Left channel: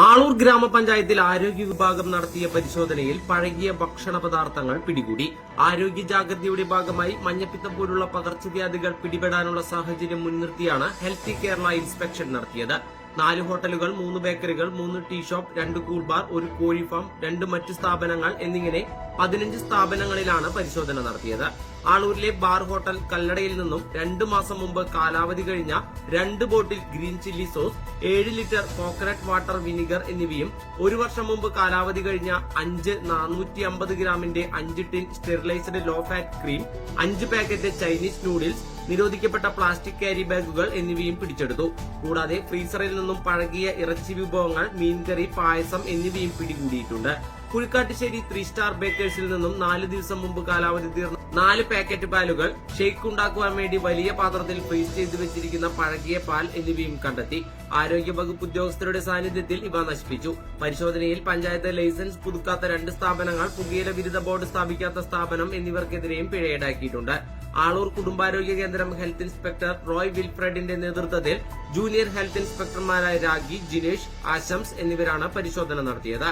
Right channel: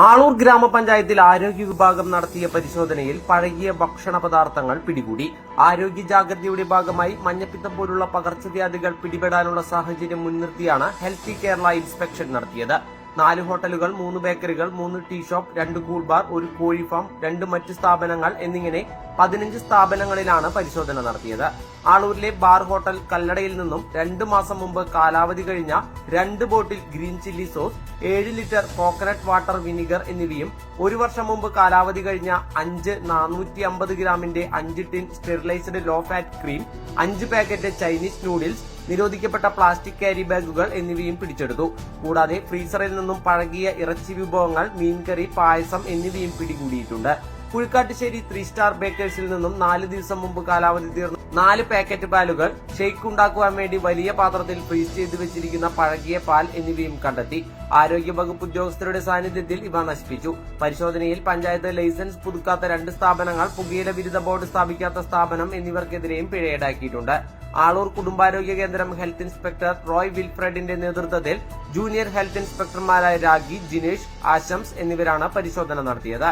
ആളൂർ ഗ്രാമപഞ്ചായത്തിൽ ആരോഗ്യ വിഭാഗം നടത്തിയ പരിശോധനയിൽ പഴകിയ ഭക്ഷണ പദാർത്ഥങ്ങൾ പിടികൂടി. ആരോഗ്യ ജാഗ്രതയുടെ ഭാഗമായി മഞ്ഞപ്പിത്തം പോലുള്ള പകർച്ചവ്യാധികൾ പിടിപെടാനുള്ള സാഹചര്യം മുൻനിർത്തിയാണ് ഹെൽത്തി കേരള ഇൻസ്പെക്ഷൻ നടത്തിയത്. നാല് ഹോട്ടലുകൾ മൂന്ന് ബേക്കറികൾ മൂന്ന് ടീ ഷോപ്പ് രണ്ട് കൂൾ ബാർ ഒരു കോഴി ഫാം രണ്ട് മറ്റ് സ്ഥാപനങ്ങൾ എന്നിങ്ങനെ പതിനഞ്ച് സ്ഥാപനങ്ങളിലാണ് പരിശോധന നടത്തിയത്. ആളൂരിലെ ബാർ ഹോട്ടൽ കല്ലടയിൽ നിന്നും രണ്ടു മാസം മുമ്പ് കാലാവധി കഴിഞ്ഞ രണ്ട് ബോട്ടിൽ ഗ്രീൻ ചില്ലി സോസ് ഏഴ് ലിറ്റർ കോക്കനട്ട് വാട്ടർ വിനിഗർ എന്നിവയും ഒരു വർഷം മുമ്പ് കാലാവധി കഴിഞ്ഞ അഞ്ച് നാനൂറ്റി അമ്പത് ഗ്രാമിന്റെ അഞ്ച് tin sterilised low fat cream അഞ്ച് പാക്കറ്റ് ചൈനീസ് നൂഡിൽസ് നിരോധിക്കപ്പെട്ട പ്ലാസ്റ്റിക് ക്യാരി ബാഗുകൾ എന്നിവയും പിടിച്ചെടുത്തു. കൂടാതെ ഫ്രീസറിൽ നിന്നും പഴകിയ ഇറച്ചി വിഭവങ്ങൾ മീൻകറി പായസം എന്നിവയും പിടികൂടിയിട്ടുണ്ട്. കുഴിക്കാട്ടുശ്ശേരി ത്രീ സ്റ്റാർ ബേക്കേഴ്സിൽ നിന്നും നാല് ദിവസം മുമ്പ് കാലാവധി തീർന്ന. നാല് പാക്കറ്റ് പാലുകൾ ഷെയ്ക്ക് ഉണ്ടാക്കുവാൻ വേണ്ടി വലിയ പാത്രത്തിൽ ഫ്രീസ് ചെയ്ത് വെച്ചിരിക്കുന്ന പഴകിയ പാൽ എന്നിവയും കണ്ടെത്തി. ആരോഗ്യ വകുപ്പ് ഉദ്യോഗസ്ഥരുടെ സാന്നിധ്യത്തിൽ ഇവ നശിപ്പിച്ചു. പരിശോധനയിൽ പഞ്ചായത്ത് ലൈസൻസ് പുതുക്കാത്ത രണ്ട് സ്ഥാപനങ്ങൾ പുകയില വിരുദ്ധ ബോർഡ് സ്ഥാപിക്കാത്ത സ്ഥാപനം എന്നിവർക്കെതിരെയും പിഴ ഈടാക്കിയിട്ടുണ്ട് ആളൂർ കുടുംബാരോഗ്യ കേന്ദ്രം ഹെൽത്ത് ഇൻസ്പെക്ടർ റോയ് വിൽഫ്രഡിന്റെ നേതൃത്വത്തിൽ ജൂനിയർ ഹെൽത്ത് ഇൻസ്പെക്ടർമാരായ രാഗി ജിനേഷ് ആശംസ് എന്നിവരാണ് പരിശോധന നടത്തിയത്.